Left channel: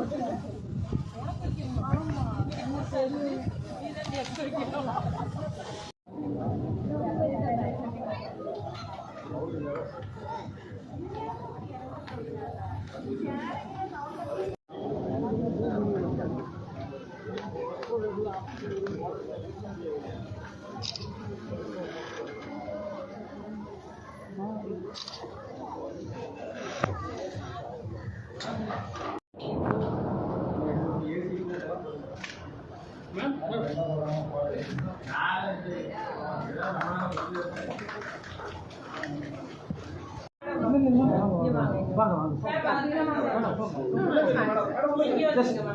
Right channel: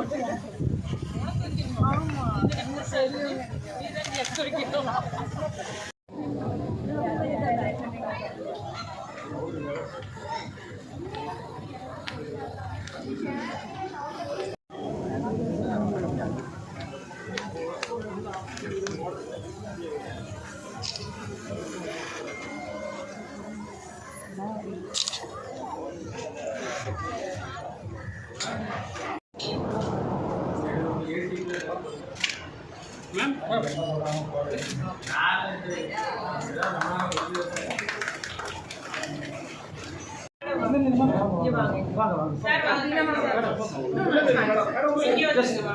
我出去买嘛，今天不生了，今天你出去买。然后我再来看你。以前。我坐着不打，你你玩着，你坐别玩。啊。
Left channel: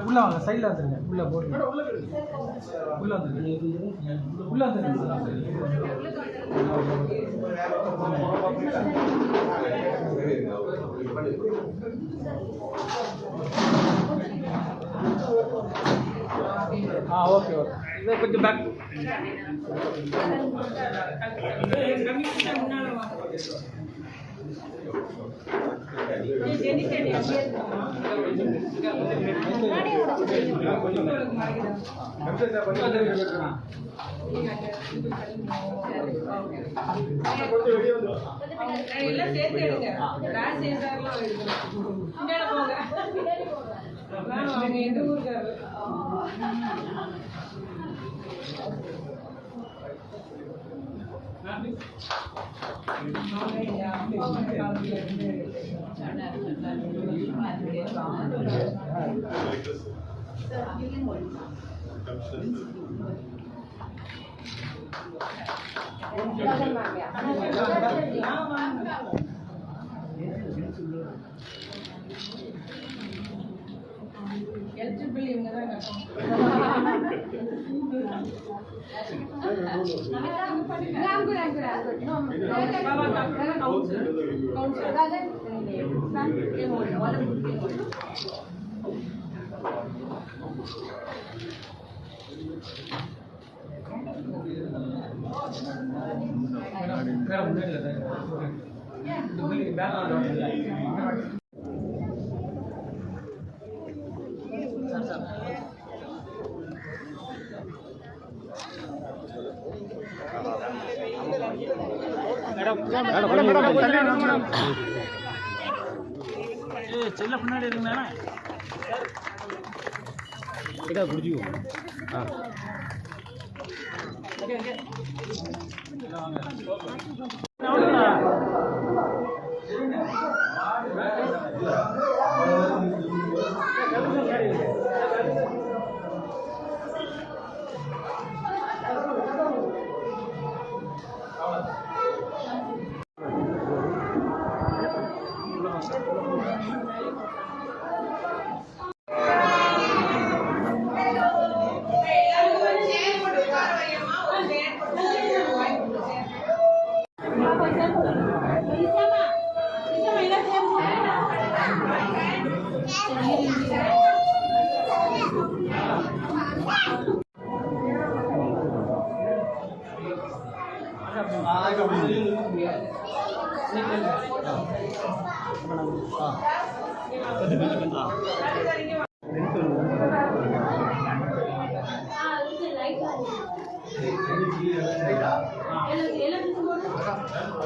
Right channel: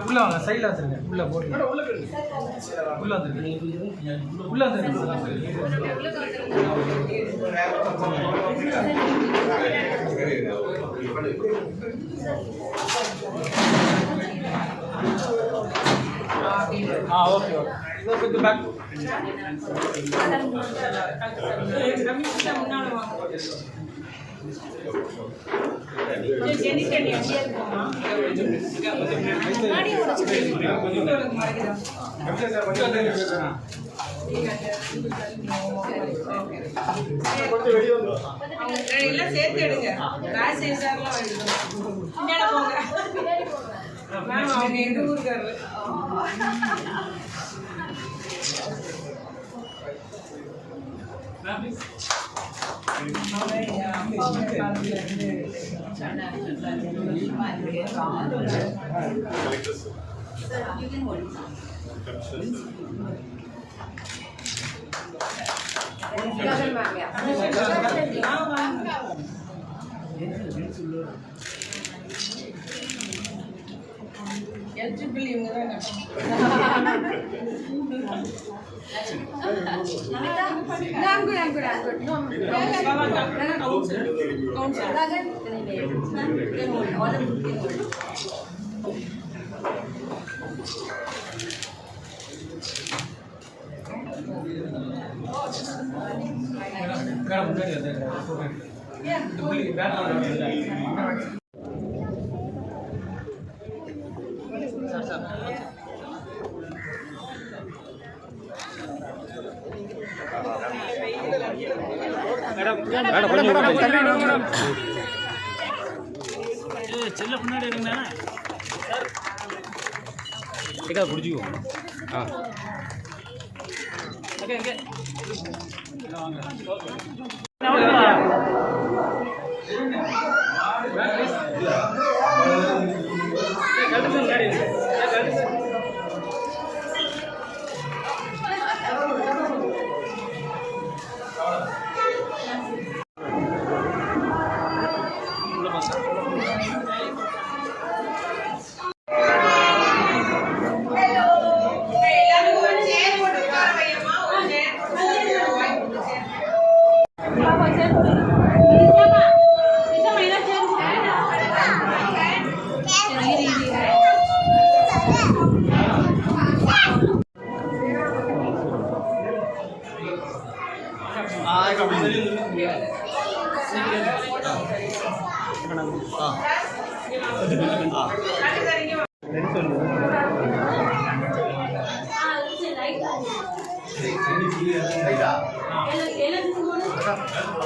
உள்ள வாங்க சைடில் வந்துருங்க உள்ள போடுங்க உள்ள வந்துருங்க உள்ள வந்துருங்க எல்லாம் சேர்த்து எடுங்க எடுக்கணும் இந்தாண்ட போங்க. மேம் அவங்க எங்க 要干嘛呀？要干嘛呀？எலிஜிபிள் இவங்க தான் கட்டணும் கவுன்சில் கவுன்சில் செல்ல பின்னாடி இருங்கண்ணா பிடிச்சிக்கோ. ஆ. எல்லாரும் வேனை போட்டு விட்டுலாம்ப்பா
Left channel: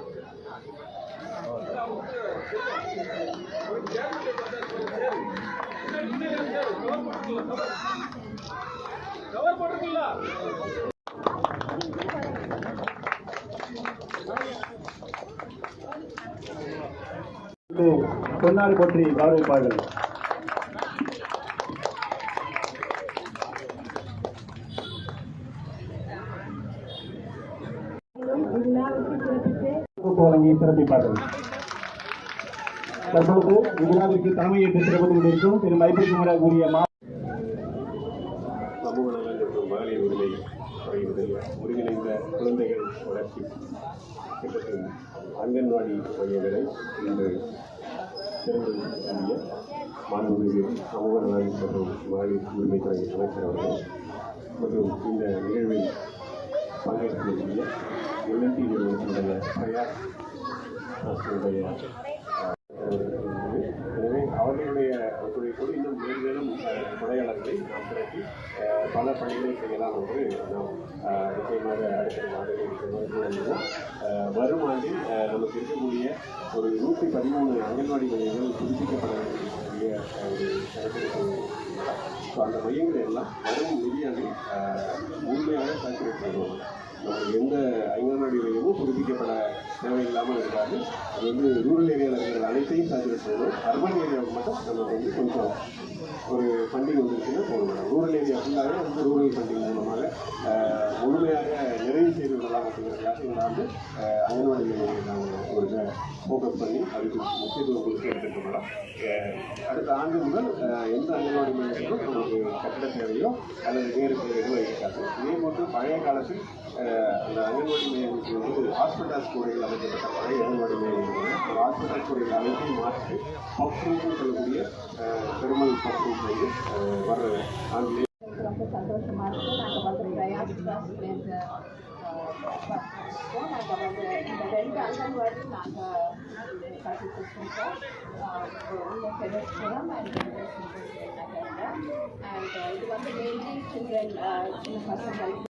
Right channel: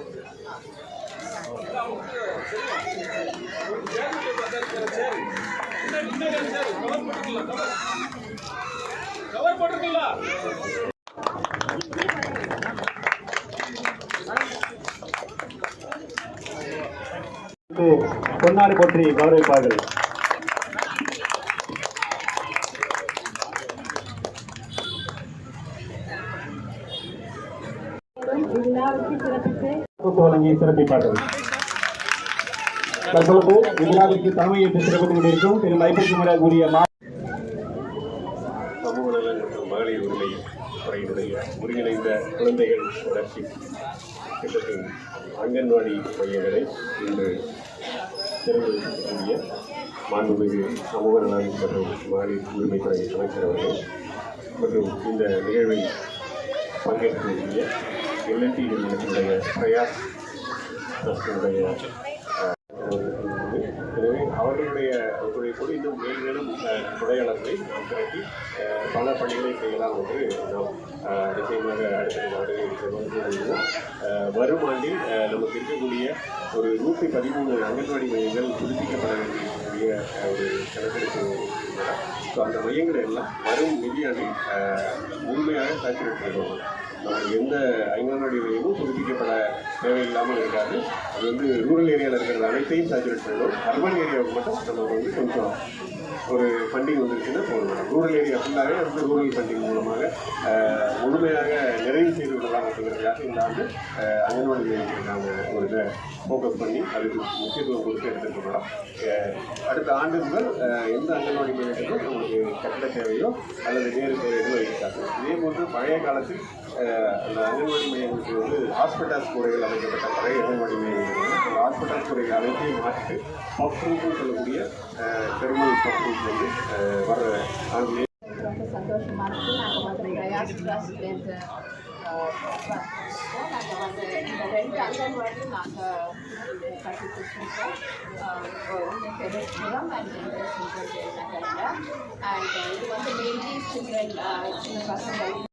பொன்னாடி போற்றி கௌரவிப்பார்கள். வழங்கி சிறப்பிப்பார்கள். தற்பொழுது இவ்விழாவிற்கு தலைமையேற்று சிறப்பு கொண்டிருக்கும் திரு லைபிற்கு முறை கூறிய மா சமூக நலன் மற்றும் மகளிர் உரிமை துறையினுடைய ஒருங்கிணைந்த குழந்தைகள் வளர்ச்சி திட்டத்தின் அங்கன்வாடி மையங்களை இன்று திறந்து கூடிய மாண்புமிகு சமூக நலன் மற்றும் மகளிர் உரிமைத்துறை அமைச்சர் அவர்கள் மற்றும் இந்த நிகழ்வில் பங்கேற்கக்கூடிய எல்என்டி நிறுவனத்தினுடைய பிரயாஸ் ட்ரஸ்டினுடைய அவர்களுடைய கூட இன்னும் மேலும் மேலும் துறையாளர்களை திரட்டி பல பணிகளை செய்யலாம் என்று நாம் நிச்சயமாக அடுத்த வரும் ஆண்டில் நமக்கு இருக்கக்கூடிய ஒரு நூற்றி பதிமூணு அங்கன்வாடி மையங்கள் புதுப்பிக்கப்பட வேண்டிய ஒரு கணக்கெடுப்பு ஸோ அந்த மையங்கள் எல்லாம் வரும் நிதியாண்டில் அஹ், முழுமையாக சாச்சுரேட் பண்ணுவோம் எந்த அங்கன்வாடி மையமும் புதுப்பிக்கப்பட தேவையில்லாமல் இருக்காது. அது வந்து ரூரல் ஏரியாவில் இருக்கிற அனைத்தையும் சாச்சுரேட் பண்ணணும் அர்பன் ஏரியாவுக்கு மட்டும் நம்ம வந்து கொஞ்சம் ஒரு ஃபண்டிங் வந்துருச்சுன்னா போகணும் ரூரல் ஏரியா ஃபுல்லாகவே வந்து ரூரல் ஃபண்டிங் மூலமாக முழுமையாக நிறைவு செய்து விடலாம் அங்கன்வாடி மையங்களுக்கு நாங்கள் ஒரு இதை ஃபோக்கஸ் பண்ணி அதுக்கு முக்கியத்துவம் கொடுத்து எடுத்துட்டு வரோம் அடுத்த ஆண்டு முதல் எந்த அங்கன்வாடி மையத்துக்கும் நமக்கு கட்டிட தேவையோ அல்லது வேறு தேவையோ இருக்காது. இதே போன்று பழைய காலத்தில் அந்த அங்கன்வாடி மையங்களுக்கு வந்து ஹாஸ்பிட்டல்ஸ் கூடைகள் அமைக்கப்பட்ட பழைய அங்கன்வாடி மையங்கள் ஹாஸ்பிட்டல் கூடைகள் அனைத்தையும் மாற்றி பஃப் சொல்லக்கூடிய பெருமை பஃப் வந்து வர ஆண்டு ரொம்ப சந்தோஷமா இருக்கு. நாங்கள் வந்து பிரயாஸ் ட்ரஸ்ட் రెంట్ అందరి వరకు నాకు థర్టీ పర్సెంట్ పేరెంట్స్ కూడా మనకి ఇంట్రెస్ట్ ఉంటుంది అండ్ చిల్డ్రన్ చిన్న పర్సన్